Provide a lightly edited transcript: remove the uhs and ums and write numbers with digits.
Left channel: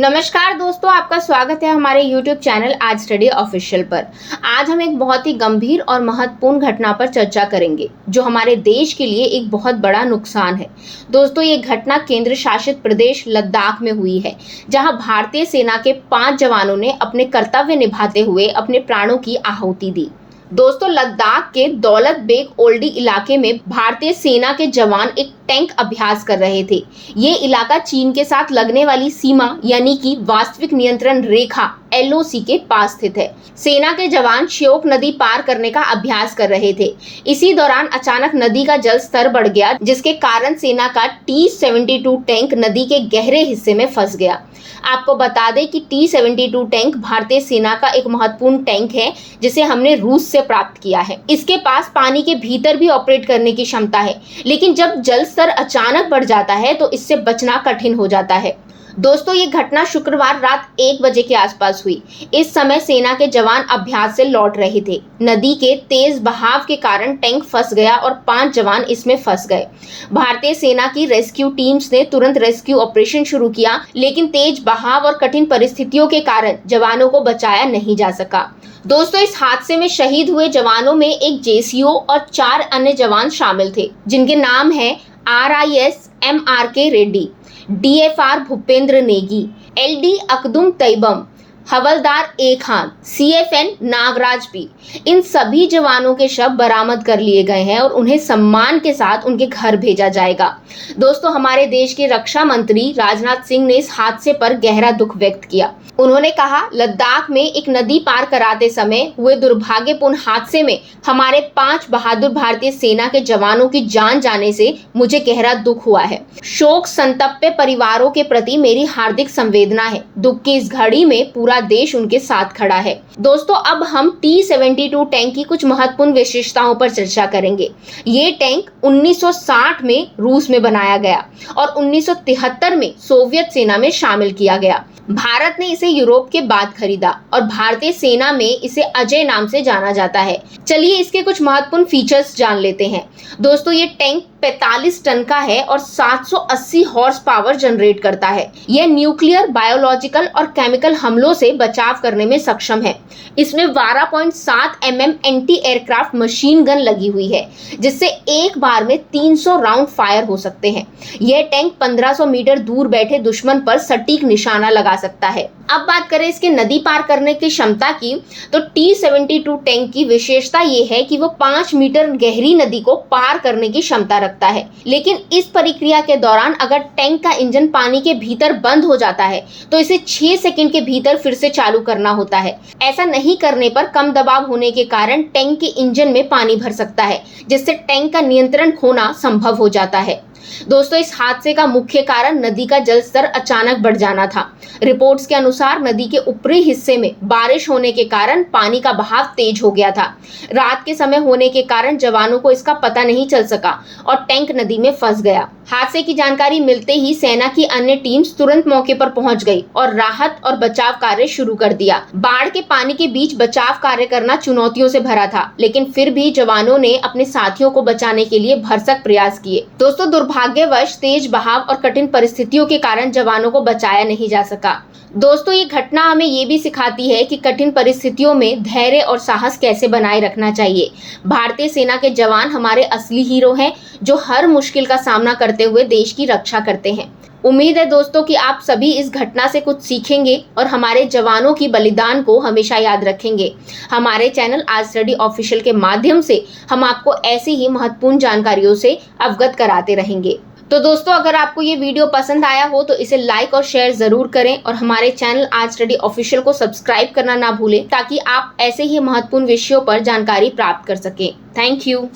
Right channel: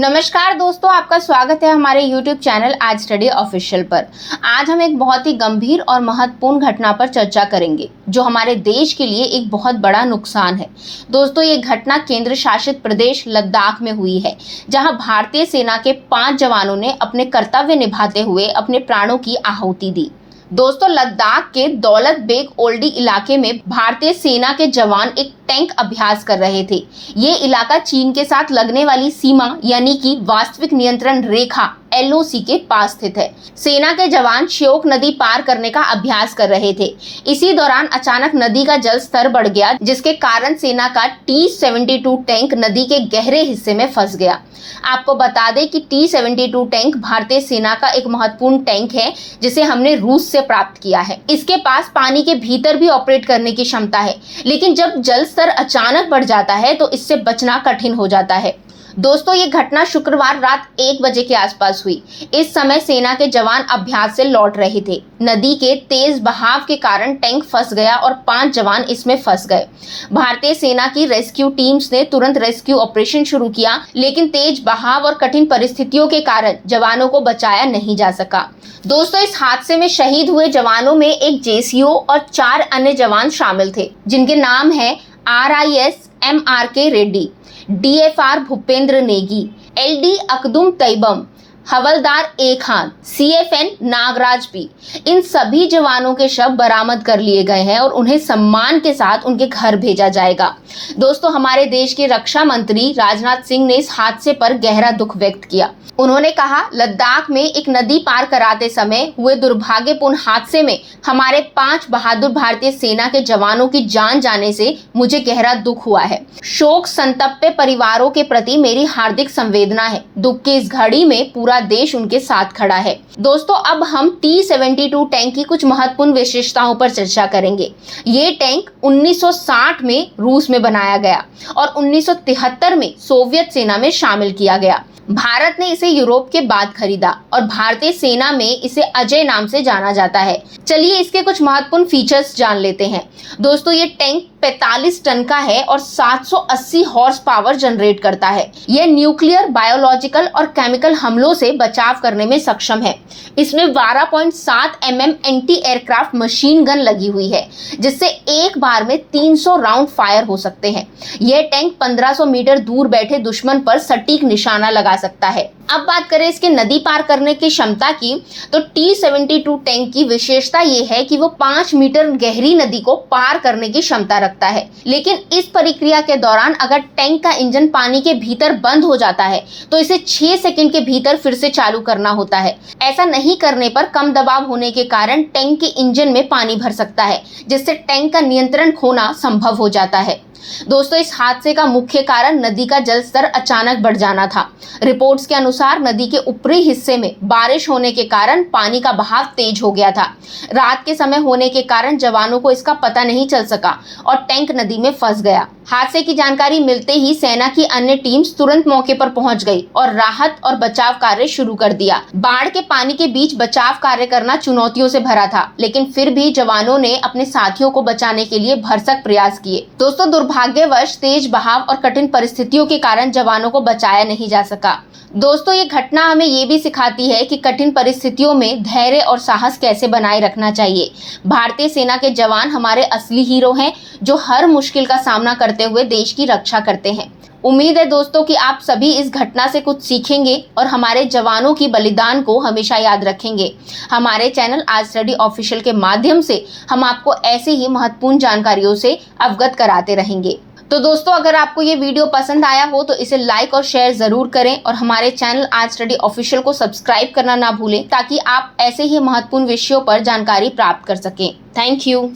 नमस्कार दोस्तों, आपका स्वागत है हमारे YouTube चैनल आज स्टडी ऑफिशियल पर। आज हम एक बहुत ही गंभीर और महत्वपूर्ण घटना पर चर्चा करेंगे जो हमारे देश के लिए एक बहुत बड़ा नुकसान है। दोस्तों, ये घटना केंद्र शासित प्रदेश लद्दाख में हुई है, जहां भारतीय सेना के 5 जवानों ने अपने कर्तव्य निभाते हुए अपने प्राणों की आहुति दी। दोस्तों, लद्दाख के दौलत बेग ओल्डी इलाके में भारतीय सेना के जवान एक टैंक अभ्यास कर रहे थे। ये इलाका चीन के साथ लगने वाली सीमा यानी कि वास्तविक नियंत्रण रेखा LOC के पास स्थित है। सेना के जवान श्योक नदी पार करने का अभ्यास कर रहे थे। इसी दौरान अचानक नदी का जल स्तर बढ़ गया, जिसके कारण सेना का T-72 टैंक नदी के गहरे हिस्से में फंस गया। आपको बता दें कि T-72 टैंक भारतीय सेना का एक महत्वपूर्ण टैंक है, जिसे हमने रूस से प्राप्त किया है। इसके पास पानी के भीतर भी ऑपरेट करने की क्षमता है, लेकिन जब जल स्तर अचानक बढ़ जाता है तो इससे बचना कठिन हो जाता है। दोस्तों, ये घटना शुक्रवार रात 1 बजे के आसपास हुई। इस समय सेना के जवान अभ्यास से लौट रहे थे। नदी के तेज बहाव के कारण टैंक फंस गया और 5 जवान इसमें फंस गए। भारतीय सेना की रेस्क्यू टीम्स ने तुरंत रेस्क्यू ऑपरेशन शुरू किया, लेकिन तेज बहाव और कठिन परिस्थितियों के कारण जवानों को बचाया नहीं जा सका। दोस्तों, इस हादसे में शहीद हुए जवानों में एक JCO और 4 अन्य जवान शामिल थे, जिनके नाम है RIS MRK Reddy, DFR Bhupendra Negi, LD अकदुम तैयबम, havildar A Khan, CFN Nagraj P। इन सभी जवानों के शव बरामद कर लिए गए हैं और उन्हें सम्मान के साथ उनके घर भेजा जाएगा। दोस्तों, हमारे देश के रक्षा मंत्री राजनाथ सिंह ने इस हादसे पर गहरा दुख व्यक्त किया। उन्होंने कहा, लद्दाख में एक नदी पार कराते समय हुए दुर्भाग्यपूर्ण हादसे में हमारे 5 बहादुर भारतीय सेना के जवानों की जान जाने से मुझे गहरा दुख हुआ है। शोक संतप्त परिवारों के प्रति मेरी हार्दिक संवेदना है। दुख की इस घड़ी में पूरा देश उनके साथ खड़ा है। दोस्तों, अब हम T-72 टैंक की कुछ महत्वपूर्ण विशेषताओं पर चर्चा करेंगे। ये टैंक 1960 में रूस में बनाया गया और 1973 में सोवियत सेना में शामिल किया गया। भारत ने इसे यूरोप के बाद खरीदा और भारतीय सेना में इसे अजय नाम से जाना जाता है। चलिए इसके कुछ महत्वपूर्ण फीचर्स जान लेते हैं। दोस्तों, ये टैंक 45 टन का है और 780 हॉर्स पावर जनरेट करता है। यह न्यूक्लियर, बायोलॉजिकल और केमिकल हमलों से बचाव करने में सक्षम है। इसमें 12.7 mm anti aircraft machine gun लगी हुई है, जिससे एक बार में 300 राउंड फायर हो सकते हैं। यह टैंक 1500 मीटर दूर बैठे दुश्मन पर सटीक निशाना लगा सकता है। अब बात करें इसके नदी पार करने की क्षमता की, तो T-72 टैंक की विशेषता ये है कि वो 5 मीटर गहरी नदी को पार करने की क्षमता रखता है। लेकिन इस प्रक्रिया के दौरान अगर टैंक का इंजन पानी के भीतर बंद हो जाता है तो इसे 6 सेकंड के भीतर फिर से चालू करना होता है। ऐसा नहीं करने पर कम दबाव होने के कारण टैंक के इंजन में पानी भर सकता है, जिससे टैंक का नियंत्रण खोना संभव हो जाता है। दोस्तों, इस हादसे का मुख्य कारण नदी का जल स्तर अचानक बढ़ जाना था। रिपोर्ट्स के अनुसार नदी के ऊपरी हिस्से में बारिश होने के कारण पानी का बहाव तेज हो गया था। रात के समय होने के कारण जवानों को इसका पता नहीं चल सका और टैंक नदी में फंस गया। हादसे की जानकारी मिलते ही सेना की अन्य टीम्स तुरंत मौके पर पहुंच गई और राहत और बचाव कार्य शुरू कर दिया। बाढ़ के पानी के बीच बचाव कार्य करना चुनौतियों से भरा था, लेकिन फिर भी जवानों ने अपने साथियों को बचाने के लिए भरसक प्रयास किए। दोस्तों, दुर्भाग्यवश तेज बहाव और कठिन परिस्थितियों के कारण जवानों को बचाया नहीं जा सका। दोस्तों, ये घटना हमें ये भी सिखाती है कि कठिन परिस्थितियों में धैर्य और साहस कैसे बनाए रखना चाहिए। भारतीय सेना के जवान हमारे असली हीरो हैं, जो हर मुश्किल का सामना करते हुए देश की रक्षा करते हैं। उम्मीद है दोस्तों कि आप सभी इस घटना से कुछ सीखेंगे और हमारे जवानों की बलिदान को हमेशा याद रखेंगे। हमारे चैनल आज स्टडी ऑफिशियल के माध्यम से हम आपको ऐसे ही महत्वपूर्ण जानकारियों से अवगत कराते रहेंगे। तो दोस्तों, अगर आपको ये वीडियो पसंद आया हो तो इसे लाइक और शेयर जरूर करें और हमारे चैनल आज स्टडी ऑफिशियल को सब्सक्राइब करना ना भूलें, ताकि आप ऐसे ही महत्वपूर्ण विषयों पर जानकारी प्राप्त कर सकें। Thank you.